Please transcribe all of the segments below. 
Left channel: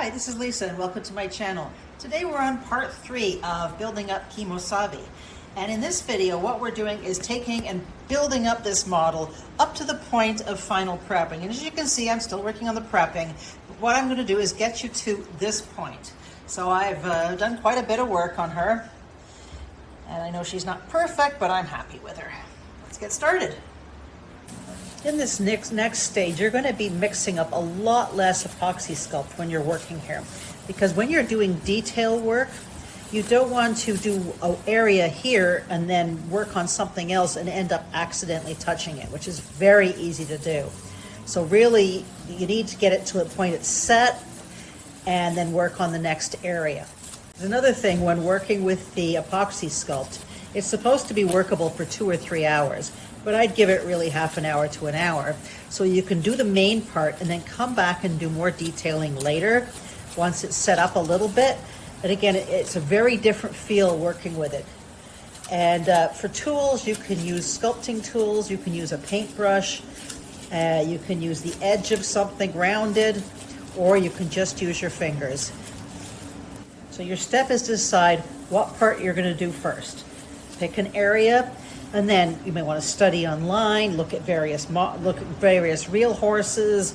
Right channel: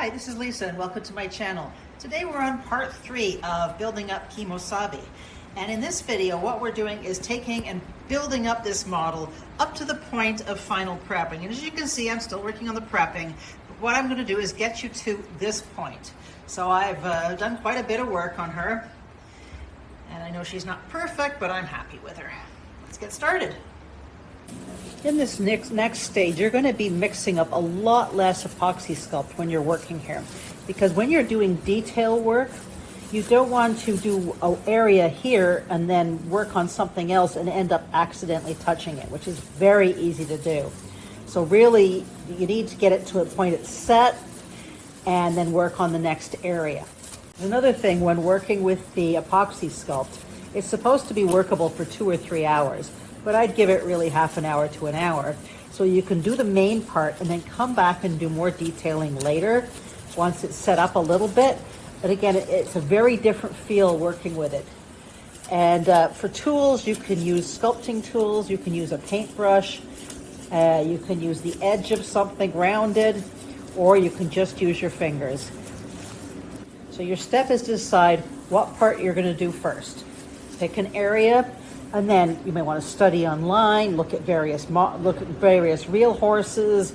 Hi, this is Lisa and welcome to my channel. Today we're on part 3 of building up Khemosabi. And in this video, what we're doing is taking and building up this model up to the point of final prepping. And as you can see, I'm still working on the prepping. But what I'm going to do is get you to this point. So I've done quite a bit of work on her. And I know she's not perfect, but I'm happy with her. Let's get started. In this next stage, you're going to be mixing up a lot less epoxy sculpt when you're working here. Because when you're doing detail work, you don't want to do an area here and then work on something else and end up accidentally touching it, which is very easy to do. So really, you need to get it to a point it's set and then work on the next area. Another thing when working with the epoxy sculpt, it's supposed to be workable for 2 or 3 hours. But I'd give it really half an hour to an hour. So you can do the main part and then come back and do more detailing later once it's set up a little bit. But again, it's a very different feel working with it. And for tools, you can use sculpting tools, you can use a paintbrush, you can use the edge of something rounded, or you can just use your fingers. So your step is to decide what part you're going to do first. Pick an area. And then you may want to study online, look at various real horses,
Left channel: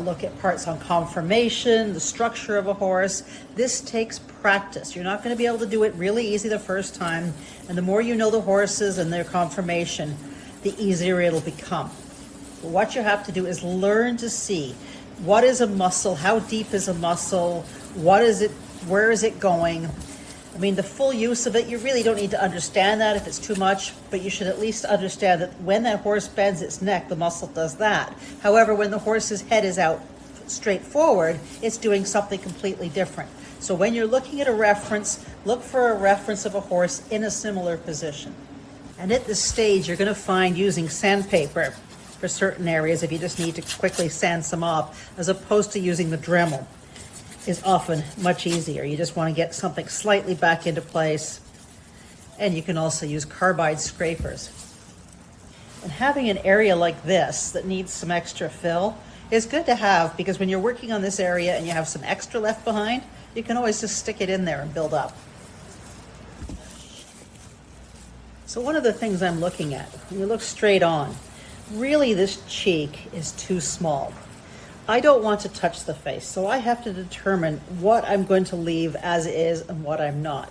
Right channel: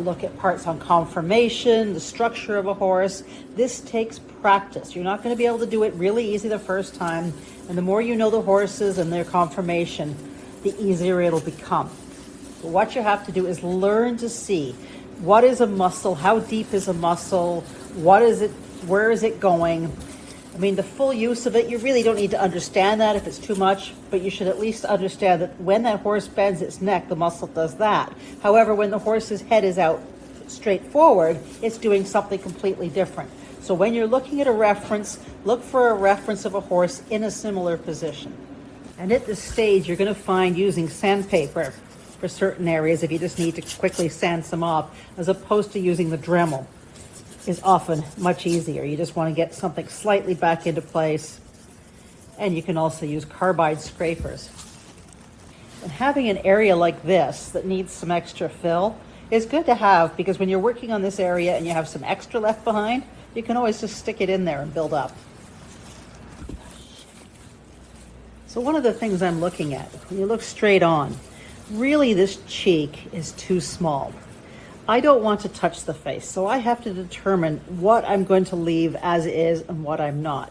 look at parts on conformation, the structure of a horse. This takes practice. You're not going to be able to do it really easy the first time. And the more you know the horses and their conformation, the easier it'll become. But what you have to do is learn to see what is a muscle, how deep is a muscle, what is it, where is it going. I mean, the full use of it, you really don't need to understand that if it's too much, but you should at least understand that when that horse bends its neck, the muscle does that. However, when the horse's head is out straight forward, it's doing something completely different. So when you're looking at a reference, look for a reference of a horse in a similar position. And at this stage, you're going to find using sandpaper for certain areas, if you just need to quickly sand some off, as opposed to using the Dremel, is often much easier. You just want to get something slightly back into place. And you can also use carbide scrapers. And having an area like this that needs some extra fill is good to have, because when you're working on this area and you have some extra left behind, you can always just stick it in there and build up. So one of the things I'm looking at, when you look straight on, really this cheek is too small. I don't want to touch the face, so I have to determine what I'm going to leave as is and what I'm not.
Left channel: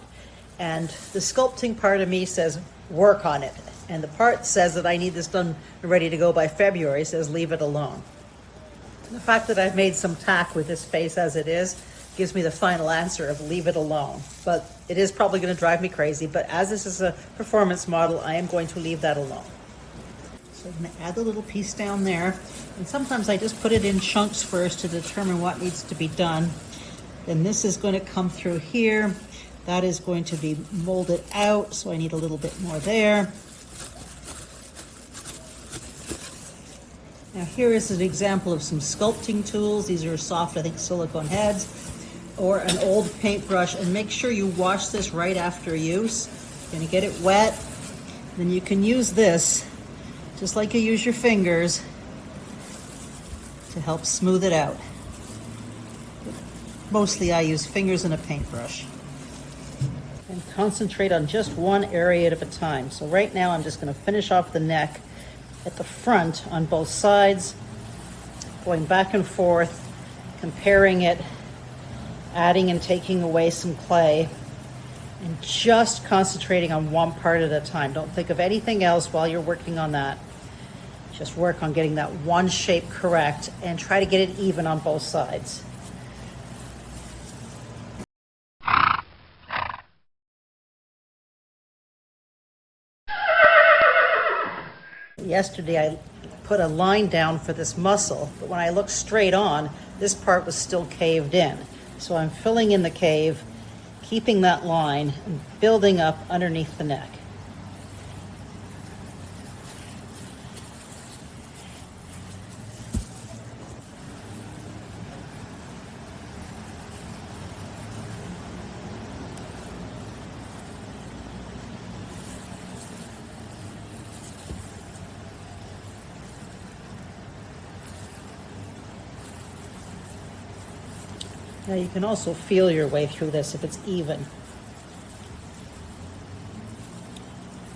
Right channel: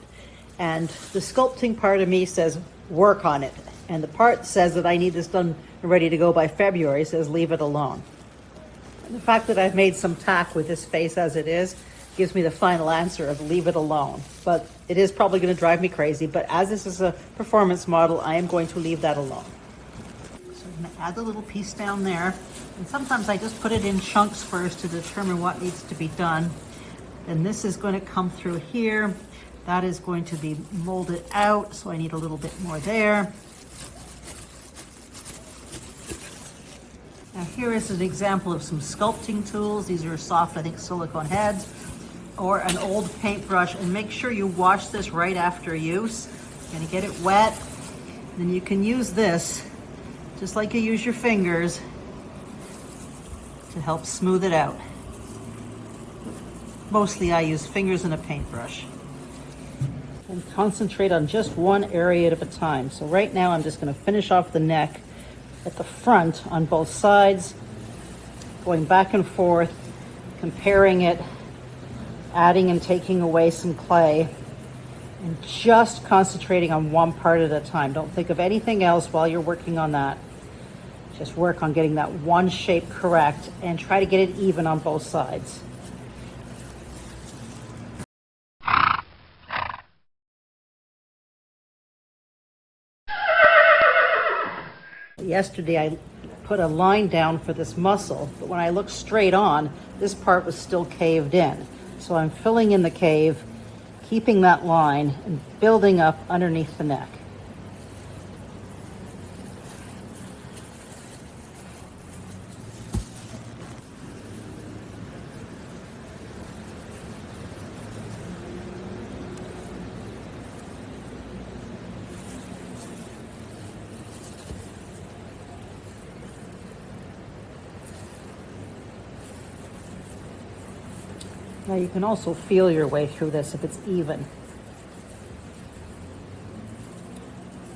And the sculpting part of me says, work on it. And the part says that I need this done and ready to go by February says, leave it alone. And the fact that I've made some tack with this face as it is gives me the final answer of leave it alone. But it is probably going to drive me crazy, but as this is a performance model, I am going to leave that alone. So I'm going to add the little piece down there. And sometimes I just put it in chunks first to determine what needs to be done. Then this is going to come through here. That is going to be molded out, so I need a little bit more there. Now here is an example of some sculpting tools. These are soft, I think, silicone heads, or an old paintbrush. And make sure you wash this right after use. You're going to get it wet. Then you can use this, just like you use your fingers, to help smooth it out. Mostly I use fingers and a paintbrush. And concentrate on just one area at a time. So right now I'm just going to finish off the neck at the front on both sides, going back and forth, comparing it, adding and taking away some clay, and just concentrating on one part at a time. Don't think of anything else while you're working on that. Just work on getting that one shape correct and try to get it even on both sides. Yesterday I put a line down for this muscle, but when I looked straight on, this part was still caved in. So I'm filling in the cave, keeping that line, and building up underneath the neck. Now you can also feel your way through this if it's even.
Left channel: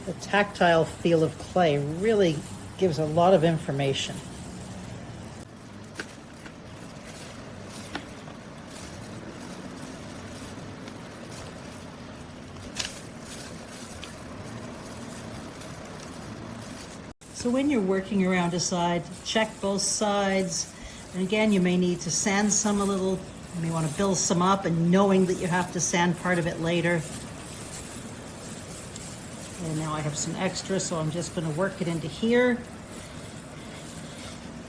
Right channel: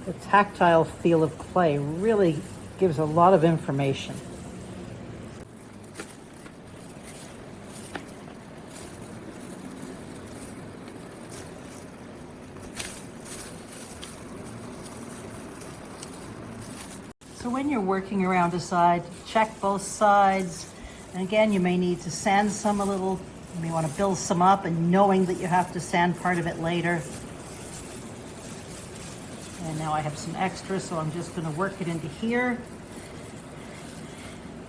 The tactile feel of clay really gives a lot of information. So when you're working around a side, check both sides. And again, you may need to sand some a little. You may want to build some up, and knowing that you have to sand part of it later. And now I have some extra, so I'm just going to work it into here.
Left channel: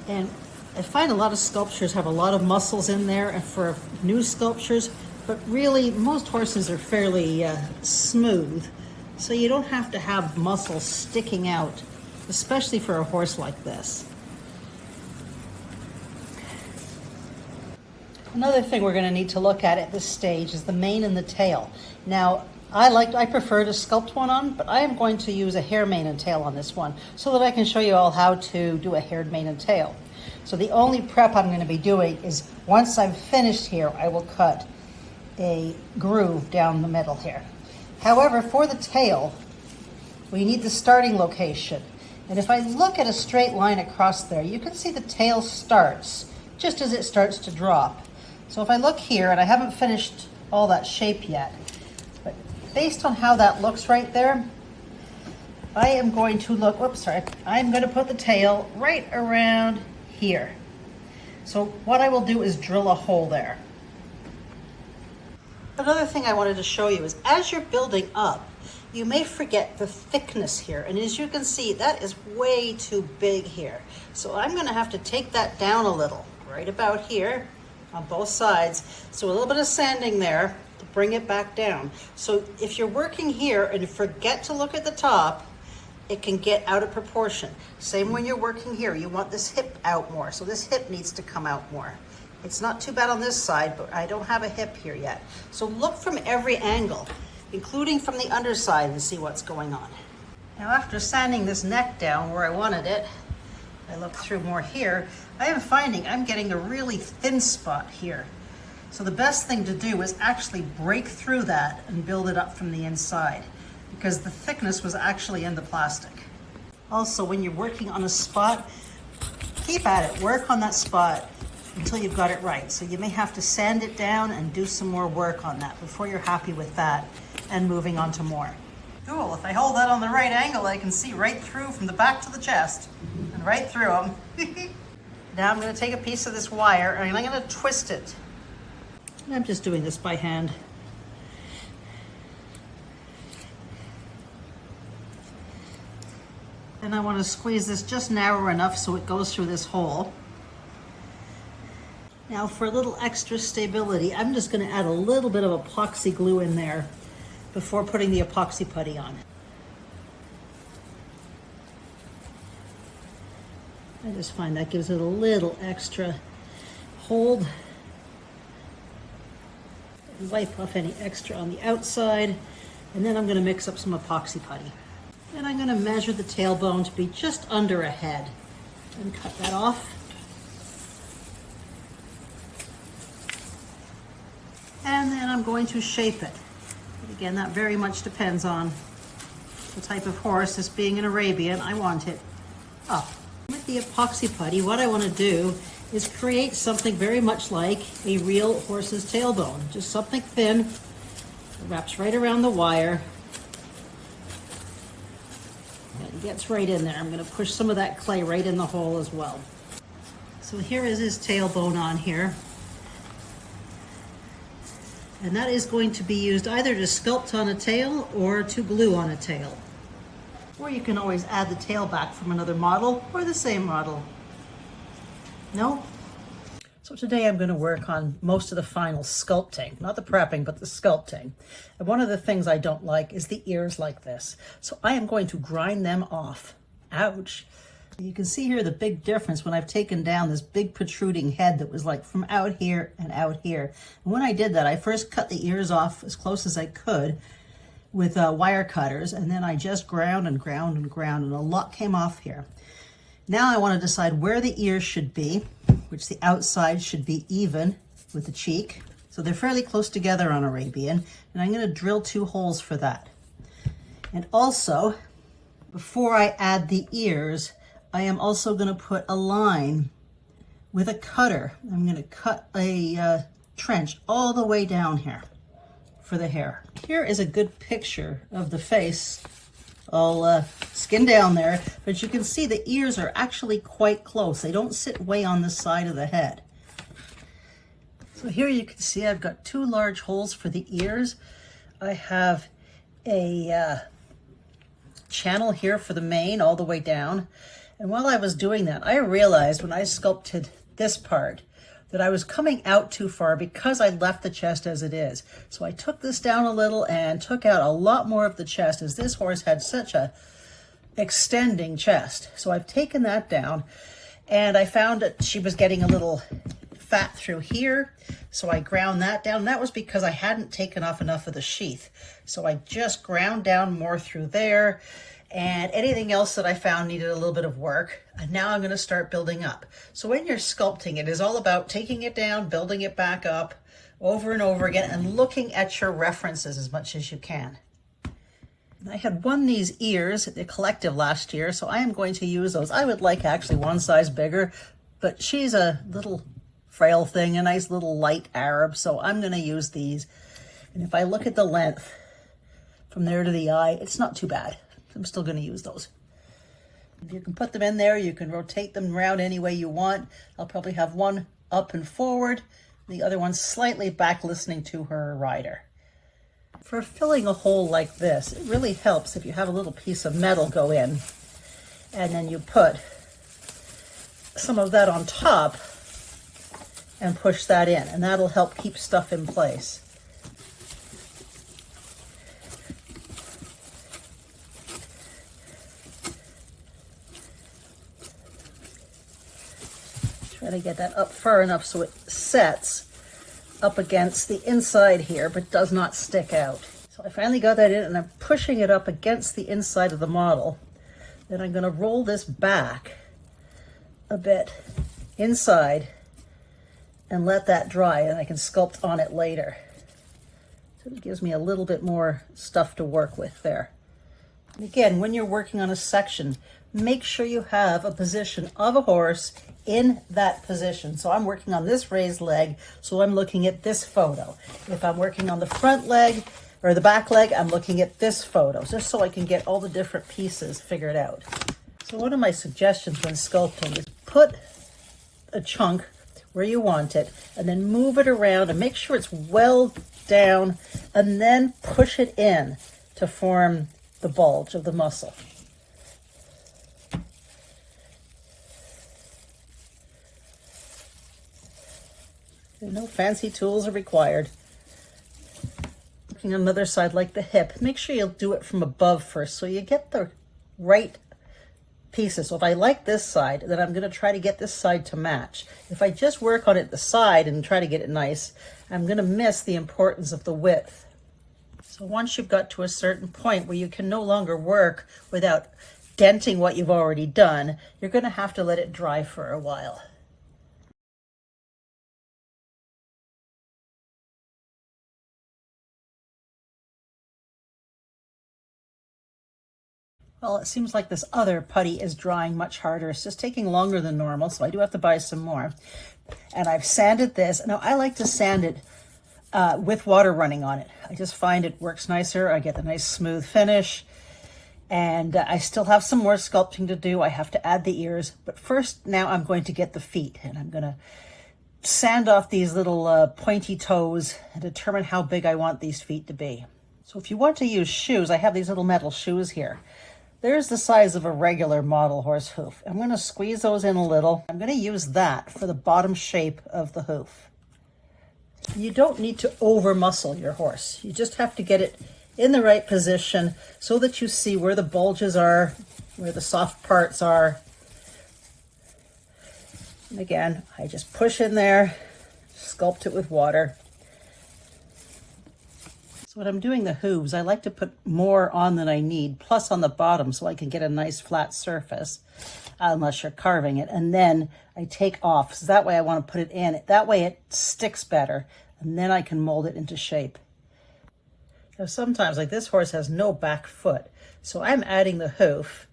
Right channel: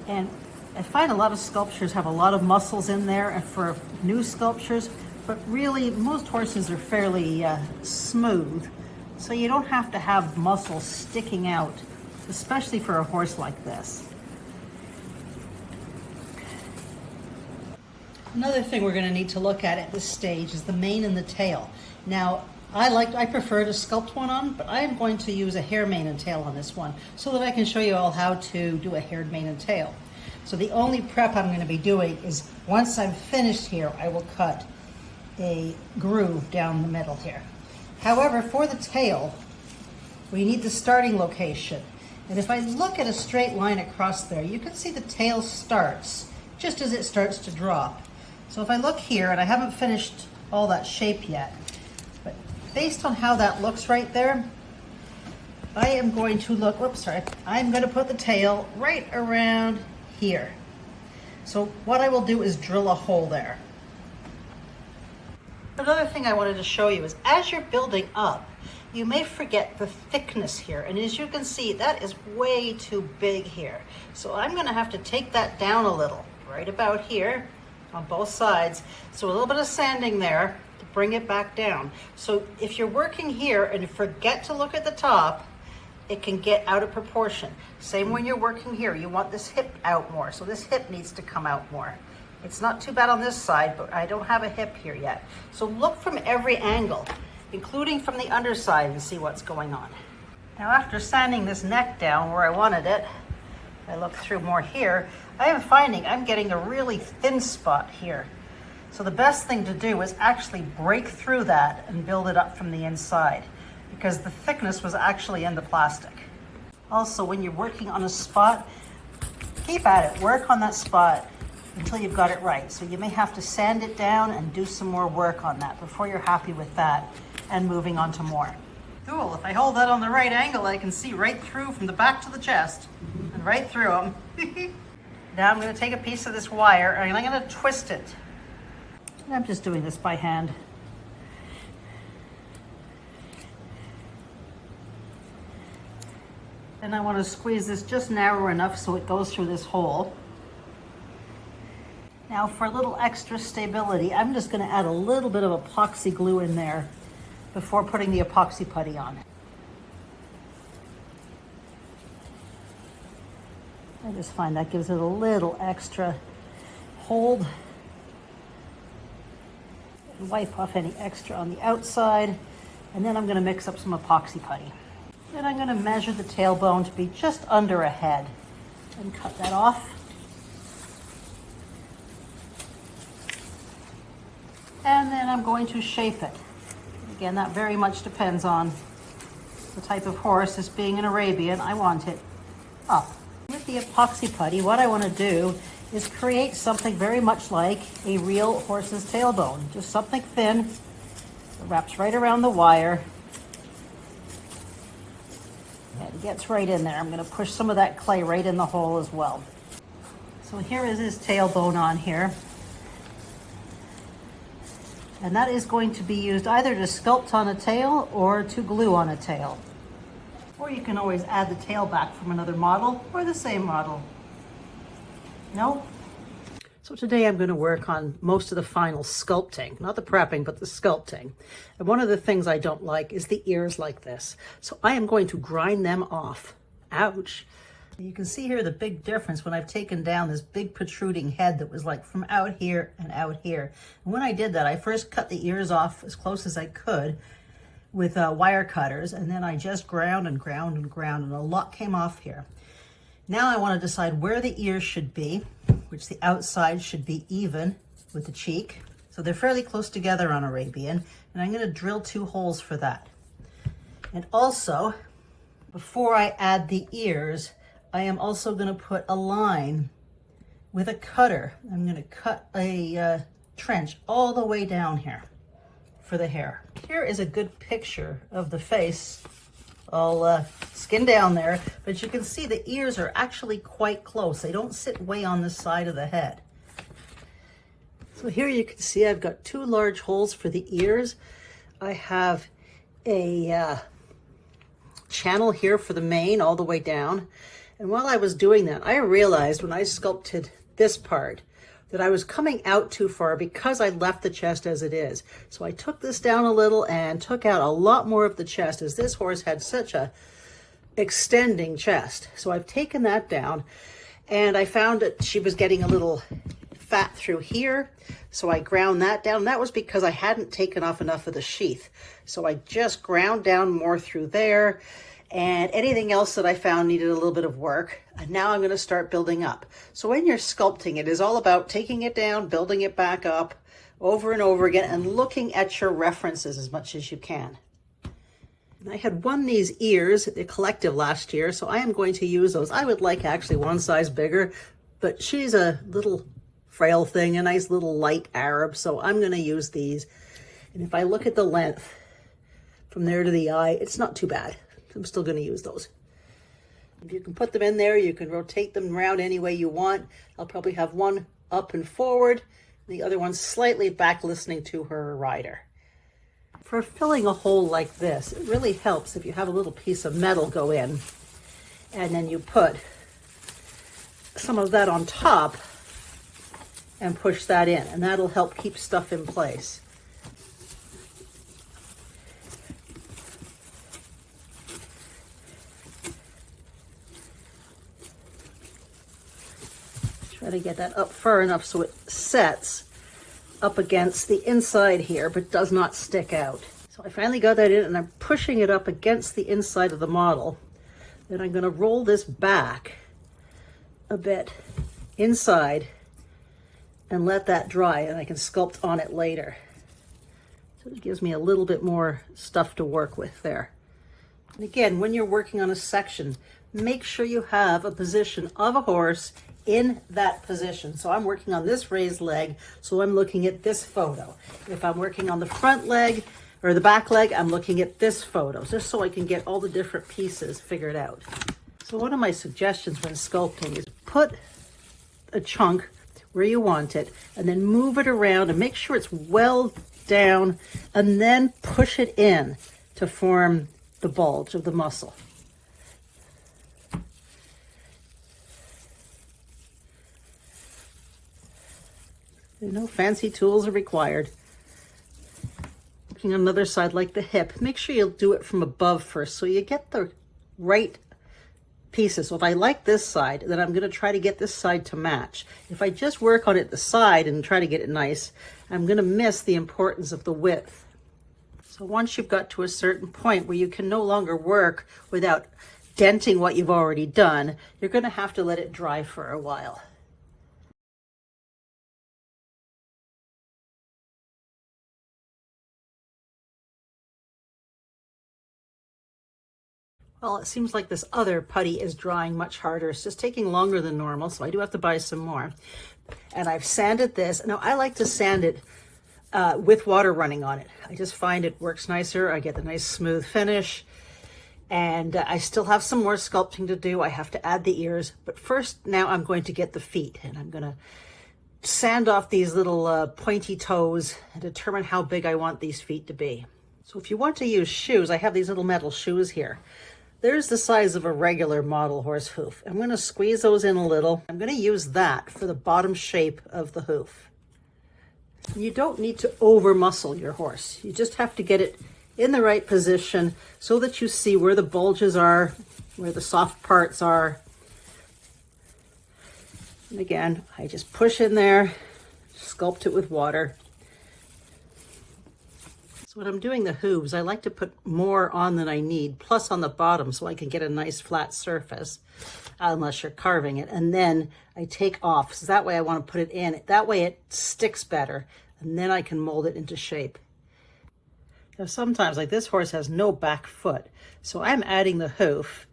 And I find a lot of sculptures have a lot of muscles in there for new sculptures, but really most horses are fairly smooth, so you don't have to have muscles sticking out, especially for a horse like this. Another thing we're going to need to look at this stage is the mane and the tail. Now, I prefer to sculpt one on, but I am going to use a hair, mane, and tail on this one so that I can show you all how to do a haired mane and tail. So the only prep I'm going to be doing is once I'm finished here, I will cut a groove down the middle here. However, for the tail, we need the starting location. And if I look at a straight line across there, you can see the tail starts just as it starts to drop. So if I look here, and I haven't finished all that shape yet, but based on how that looks right there, I am going to look, I'm going to put the tail right around here. So what I will do is drill a hole there. Another thing I wanted to show you is as you're building up, you may forget the thickness here. And as you can see, that is way too big here. So I'm going to have to take that down a little, right about here on both sides. So a little bit of sanding there to bring it back down. So if you're working here and you forget to look at the top, it can get out of proportion. Same when you're working here, you want this hip out more. So this hip needs to come out more. It's not too bad on this side, but I don't have a hip here yet. So look from every angle, including from the underside, and see what's going on. Now after sanding this neck down where I wanted it, I look through more here, I am finding I'm getting a really thin spot here. So the best thing to do is actually break through that and build it up from the inside, because the thickness was actually in the plastic. Also, when you're working on a spot, keep at it, work on that spot until you've got it right. So you may have to sand it down and do some more work on that before you're happy with that and moving on to more. Cool, if I hold that on the right angle, I can see right through from the back to the chest and right through them. Now I'm going to take a piece of this wire and I'm going to twist it. I'm just doing this by hand. And I want to squeeze this just narrow enough so it goes through this hole. Now for a little extra stability, I'm just going to add a little bit of epoxy glue in there before putting the epoxy putty on. I just find that gives it a little extra hold. Wipe off any extra on the outside, and then I'm going to mix up some epoxy putty. Then I'm going to measure the tailbone to be just under a head and cut that off. And then I'm going to shape it. Again, that very much depends on the type of horse. This being an Arabian, I want it up. With the epoxy putty, what I want to do is create something very much like a real horse's tailbone. Just something thin that wraps right around the wire and gets right in there. I'm going to push some of that clay right in the hole as well. So here is his tailbone on here. And that is going to be used either to sculpt on a tail or to glue on a tail. Or you can always add the tail back from another model or the same model. No? So today I'm going to work on most of the final sculpting, not the prepping, but the sculpting. And one of the things I don't like is the ears like this. So I am going to grind them off. Ouch. You can see here the big difference when I've taken down this big protruding head that was like from out here and out here. And when I did that, I first cut the ears off as close as I could with wire cutters, and then I just ground and ground and ground, and a lot came off here. Now I want to decide where the ears should be, which the outside should be even with the cheek. So So they're fairly close together on Arabian, and I'm going to drill 2 holes for that. And also, before I add the ears, I am also going to put a line with a cutter. I'm going to cut a trench all the way down here for the hair. Here is a good picture of the face, all skin down there, but you can see the ears are actually quite close. They don't sit way on the side of the head. So here you can see I've got 2 large holes for the ears. I have a channel here for the mane all the way down. And while I was doing that, I realized when I sculpted this part that I was coming out too far because I left the chest as it is. So I took this down a little and took out a lot more of the chest, as this horse had such a extending chest. So I've taken that down, and I found that she was getting a little fat through here. So I ground that down. That was because I hadn't taken off enough of the sheath. So I just ground down more through there, and anything else that I found needed a little bit of work. And now I'm going to start building up. So when you're sculpting, it is all about taking it down, building it back up over and over again, and looking at your references as much as you can. I had won these ears at the collective last year, so I am going to use those. I would like actually one size bigger, but she's a little frail thing, a nice little light Arab, so I'm going to use these. And if I look at the length from there to the eye, it's not too bad. I'm still going to use those. If you can put them in there, you can rotate them around any way you want. I'll probably have one up and forward, the other one slightly back listening to her rider. For filling a hole like this, it really helps if you have a little piece of metal go in, and then you put some of that on top and push that in, and that'll help keep stuff in place. Try to get that up far enough so it sets up against the inside here, but does not stick out. So I finally got that in, and I'm pushing it up against the inside of the model. Then I'm going to roll this back a bit inside and let that dry, and I can sculpt on it later. So it gives me a little bit more stuff to work with there. And again, when you're working on a section, make sure you have a position of a horse in that position. So I'm working on this raised leg, so I'm looking at this photo. If I'm working on the front leg or the back leg, I'm looking at this photo, just so I can get all the different pieces figured out. So one of my suggestions when sculpting is put a chunk where you want it, and then move it around and make sure it's well down, and then push it in to form the bulge of the muscle. No fancy tools are required. Looking on another side like the hip, make sure you'll do it from above first so you get the right pieces. So if I like this side, then I'm going to try to get this side to match. If I just work on it the side and try to get it nice, I'm going to miss the importance of the width. So once you've got to a certain point where you can no longer work without denting what you've already done, you're going to have to let it dry for a while. Well, it seems like this other putty is drying much harder. It's just taking longer than normal, so I do have to buy some more. And I've sanded this. Now, I like to sand it with water running on it. I just find it works nicer. I get a nice smooth finish. And I still have some more sculpting to do. I have to add the ears. But first, now I'm going to get the feet. And I'm going to sand off these little pointy toes and determine how big I want these feet to be. So if you want to use shoes, I have these little metal shoes here. There's the size of a regular model horse hoof. I'm going to squeeze those in a little. I'm going to use that for the bottom shape of the hoof. And you don't need to over muscle your horse. You just have to get it in the right position so that you see where the bulges are, where the soft parts are. And again, I just push in there, sculpt it with water. So when I'm doing the hooves, I like to put more on than I need, plus on the bottom, so I can get a nice flat surface, unless you're carving it. And then I take off, so that way I want to put it in. That way it sticks better. and then I can mold it into shape. Now sometimes, like this horse has no back foot, so I'm adding the hoof,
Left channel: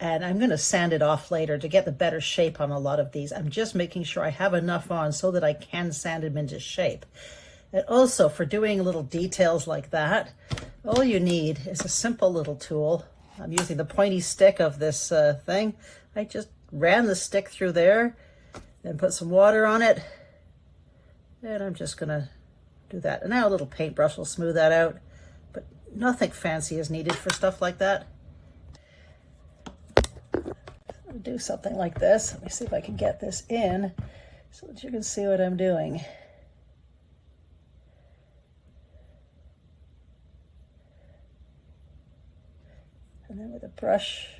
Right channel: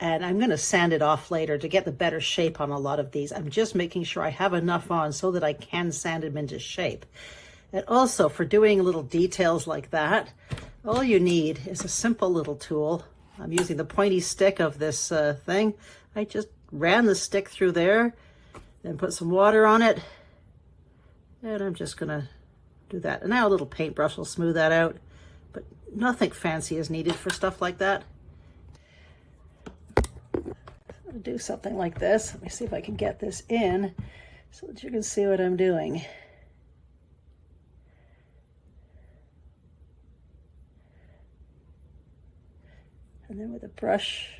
and I'm going to sand it off later to get the better shape on a lot of these. I'm just making sure I have enough on so that I can sand them into shape. And also for doing little details like that, all you need is a simple little tool. I'm using the pointy stick of this thing. I just ran the stick through there and put some water on it. And I'm just going to do that. And now a little paintbrush will smooth that out. But nothing fancy is needed for stuff like that. I'll do something like this. Let me see if I can get this in so that you can see what I'm doing. And then with a brush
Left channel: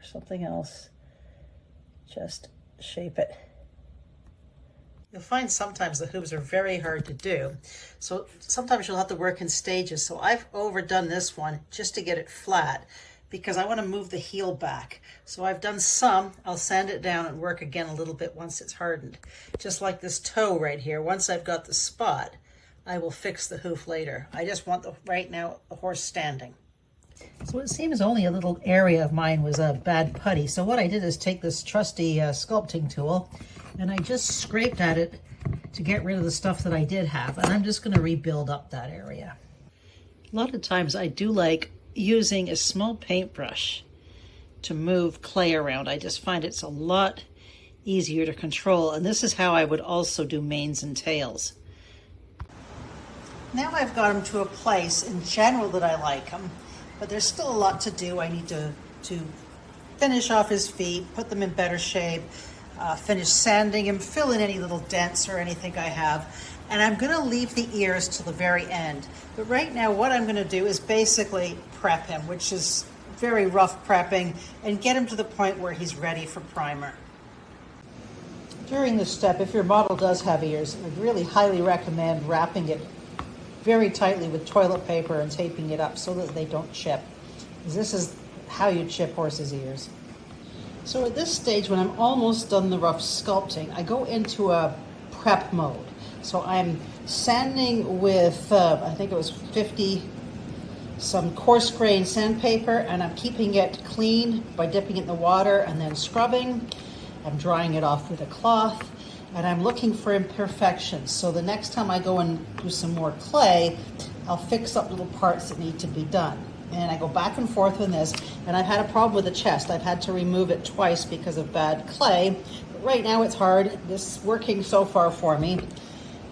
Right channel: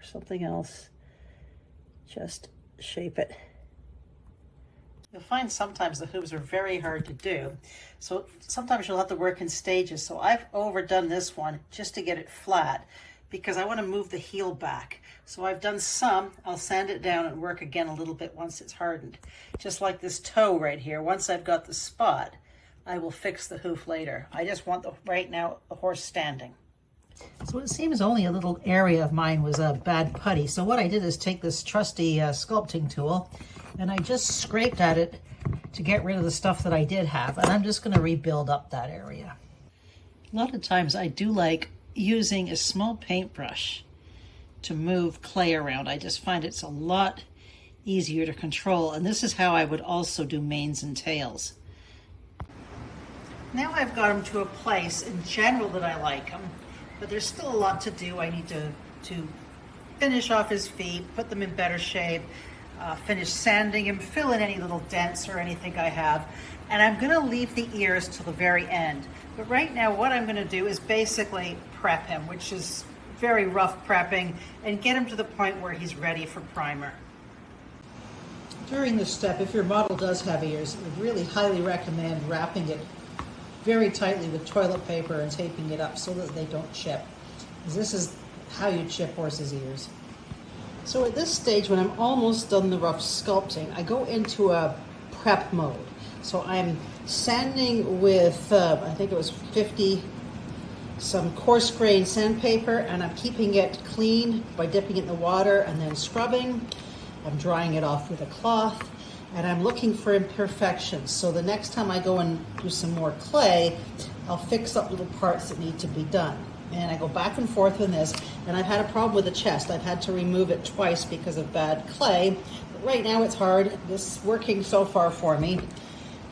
or something else, just shape it. You'll find sometimes the hooves are very hard to do. So sometimes you'll have to work in stages. So I've overdone this one just to get it flat because I want to move the heel back. So I've done some, I'll sand it down and work again a little bit once it's hardened. Just like this toe right here. Once I've got the spot, I will fix the hoof later. I just want right now the horse standing. So it seems only a little area of mine was a bad putty. So what I did is take this trusty sculpting tool and I just scraped at it to get rid of the stuff that I did have. And I'm just going to rebuild up that area. A lot of times I do like using a small paintbrush to move clay around. I just find it's a lot easier to control. And this is how I would also do manes and tails. Now I've got them to a place in general that I like them. But there's still a lot to do. I need to finish off his feet, put them in better shape, finish sanding him, fill in any little dents or anything I have. And I'm gonna leave the ears till the very end. But right now what I'm gonna do is basically prep him, which is very rough prepping, and get him to the point where he's ready for primer. During this step, if your model does have ears, I would really highly recommend wrapping it very tightly with toilet paper and taping it up so that they don't chip. Because this is how you chip horses' ears. So at this stage, when I'm almost done the rough sculpting, I go into a prep mode. So I'm sanding with, I think it was 50, some coarse grain sandpaper, and I'm keeping it clean by dipping it in the water and then scrubbing. I'm drying it off with a cloth. And I'm looking for imperfections. So the next time I go and do some more clay, I'll fix up little parts that need to be done. And I go back and forth with this. And I've had a problem with the chest. I've had to remove it twice because of bad clay. But right now it's hard. This is working so far for me.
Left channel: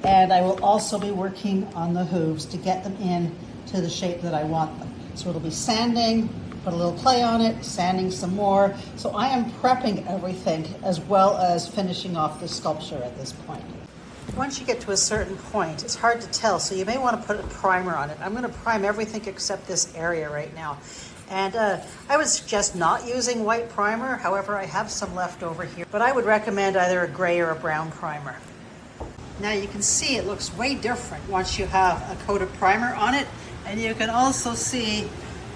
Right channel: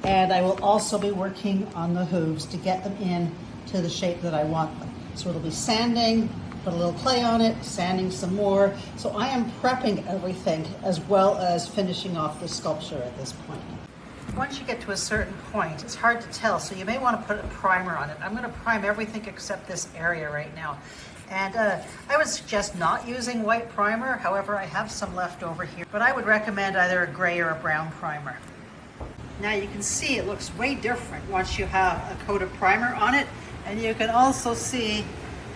And I will also be working on the hooves to get them in to the shape that I want them. So it'll be sanding, put a little clay on it, sanding some more. So I am prepping everything as well as finishing off the sculpture at this point. Once you get to a certain point, it's hard to tell, so you may want to put a primer on it. I'm going to prime everything except this area right now. And I would suggest not using white primer. However, I have some left over here, but I would recommend either a gray or a brown primer. Now you can see it looks way different once you have a coat of primer on it, and you can also see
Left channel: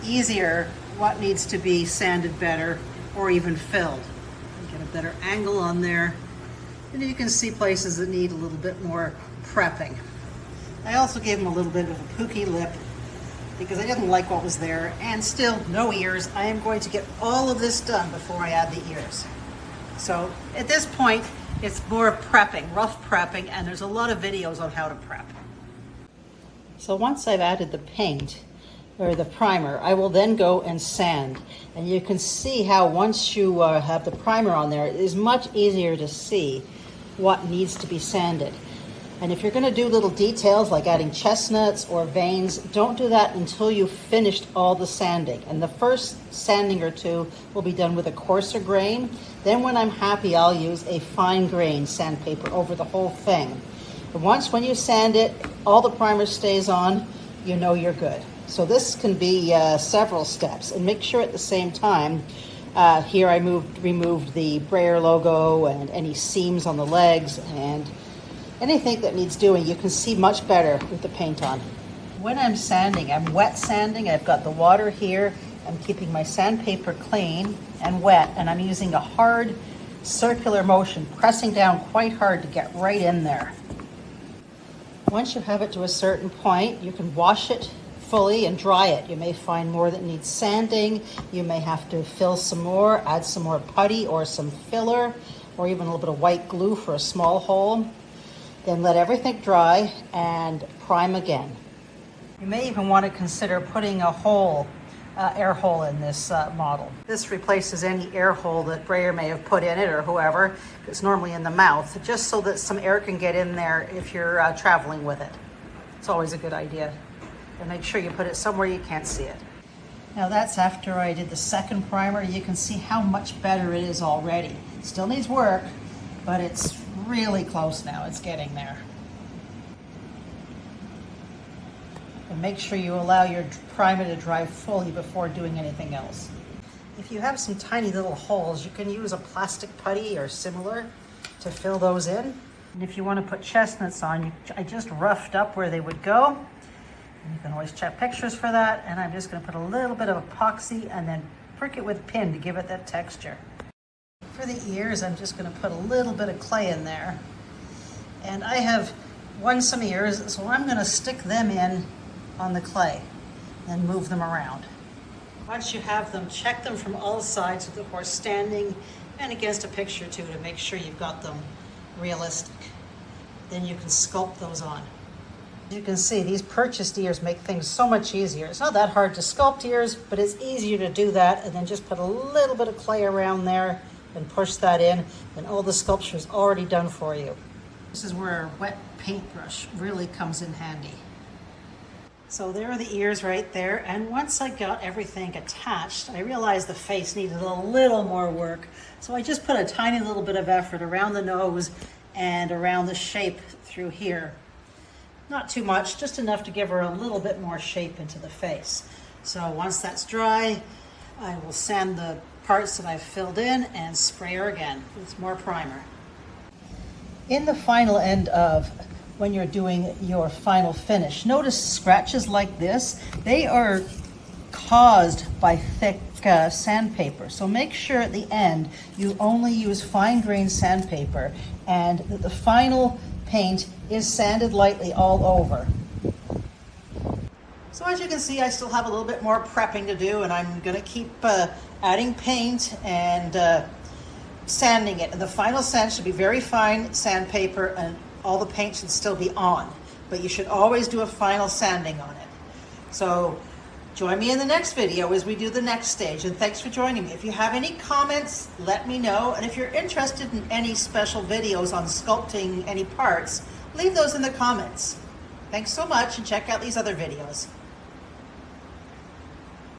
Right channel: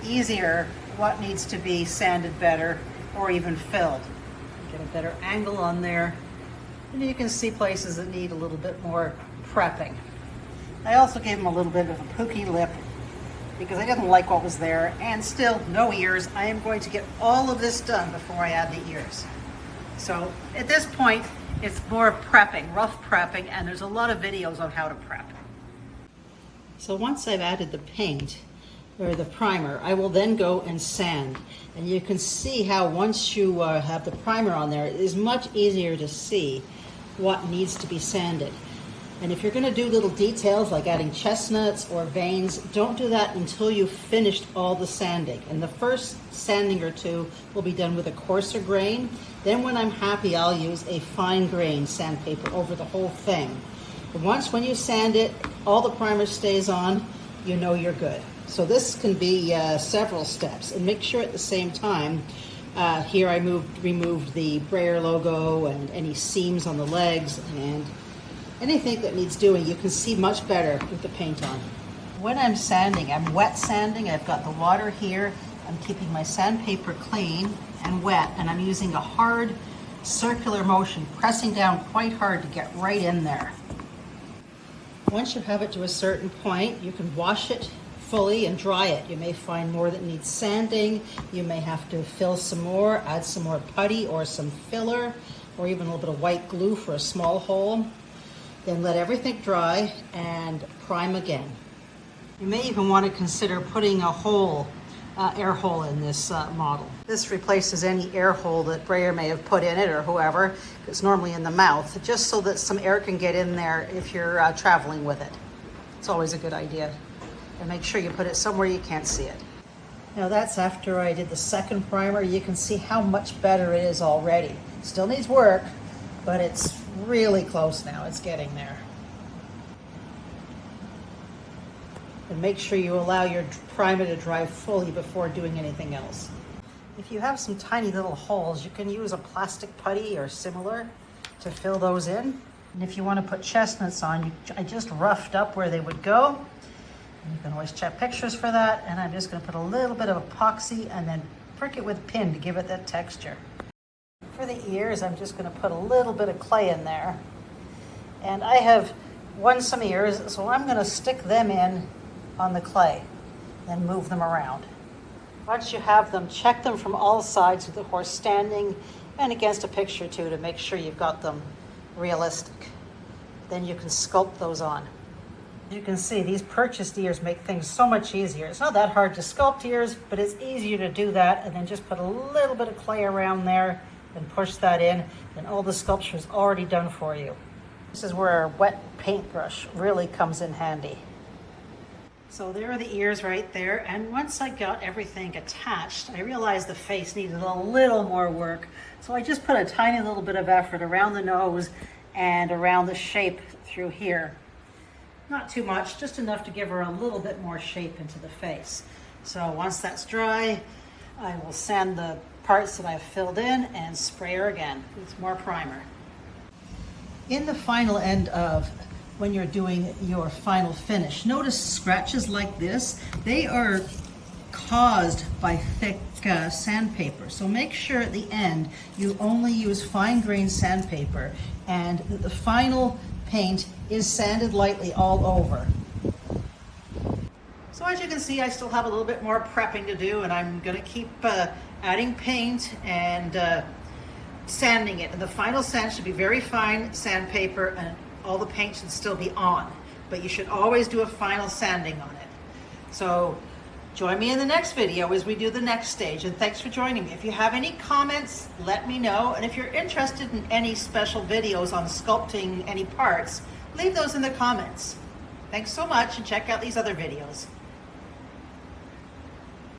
easier what needs to be sanded better or even filled. Get a better angle on there. And you can see places that need a little bit more prepping. I also gave him a little bit of a pooky lip because I didn't like what was there, and still no ears. I am going to get all of this done before I add the ears. So at this point, it's more of prepping, rough prepping, and there's a lot of videos on how to prep. So once I've added the paint, or the primer, I will then go and sand. And you can see how once you have the primer on there, it is much easier to see what needs to be sanded. And if you're going to do little details like adding chestnuts or veins, don't do that until you've finished all the sanding. And the first sanding or two will be done with a coarser grain. Then when I'm happy, I'll use a fine grain sandpaper over the whole thing. But once when you sand it, all the primer stays on, you know you're good. So this can be several steps, and make sure at the same time, here I removed the Breyer logo and any seams on the legs and anything that needs doing. You can see much better with the paint on. When I'm sanding, I'm wet sanding. I've got the water here. I'm keeping my sandpaper clean and wet, and I'm using a hard circular motion, pressing down quite hard to get right in there. Once you have it to a certain point, you can wash it fully and dry it. You may find more that needs sanding. You may have to fill some more, add some more putty or some filler, or even a little bit of white glue for a small hole. Then let everything dry and prime again. You may even want to consider putting a hole, air hole in this model. This replaces any air hole that Breyer may have put in it or whoever. It's normally in the mouth, just so that some air can get in there if you're traveling with it. It's always a good idea. And make sure you put it somewhere you can't see it. Now that's after I did the second primer. You can see how much better it is already. Still needs work, but it's really close now. It's getting there. And make sure you allow your primer to dry fully before doing anything else. If you have some tiny little holes, you can use a plastic putty or similar to fill those in. And if you want to put chestnuts on, I just roughed up where they would go. You can always check pictures for that. And I'm just going to put a little bit of epoxy and then prick it with a pin to give it that texture. For the ears, I'm just going to put a little bit of clay in there. And I have won some ears, so I'm going to stick them in on the clay, then move them around. Once you have them, check them from all sides with the horse standing and against a picture too to make sure you've got them realistic. Then you can sculpt those on. You can see these purchased ears make things so much easier. It's not that hard to sculpt ears, but it's easier to do that and then just put a little bit of clay around there and push that in, and all the sculpture is already done for you. This is where a wet paintbrush really comes in handy. So there are the ears right there, and once I got everything attached, I realized the face needed a little more work. So I just put a tiny little bit of effort around the nose and around the shape through here. Not too much, just enough to give her a little bit more shape into the face. So once that's dry, I will sand the parts that I've filled in and spray her again with more primer. In the final end of when you're doing your final finish, notice scratches like this. They are caused by thick sandpaper. So make sure at the end you only use fine-grained sandpaper and that the final paint is sanded lightly all over. So as you can see, I still have a little bit more prepping to do, and I'm going to keep adding paint and sanding it. And the final sand should be very fine sandpaper, and all the paint should still be on. But you should always do a final sanding on it. So join me in the next video as we do the next stage, and thanks for joining me. If you have any comments, let me know. And if you're interested in any special videos on sculpting any parts, leave those in the comments. Thanks so much, and check out these other videos.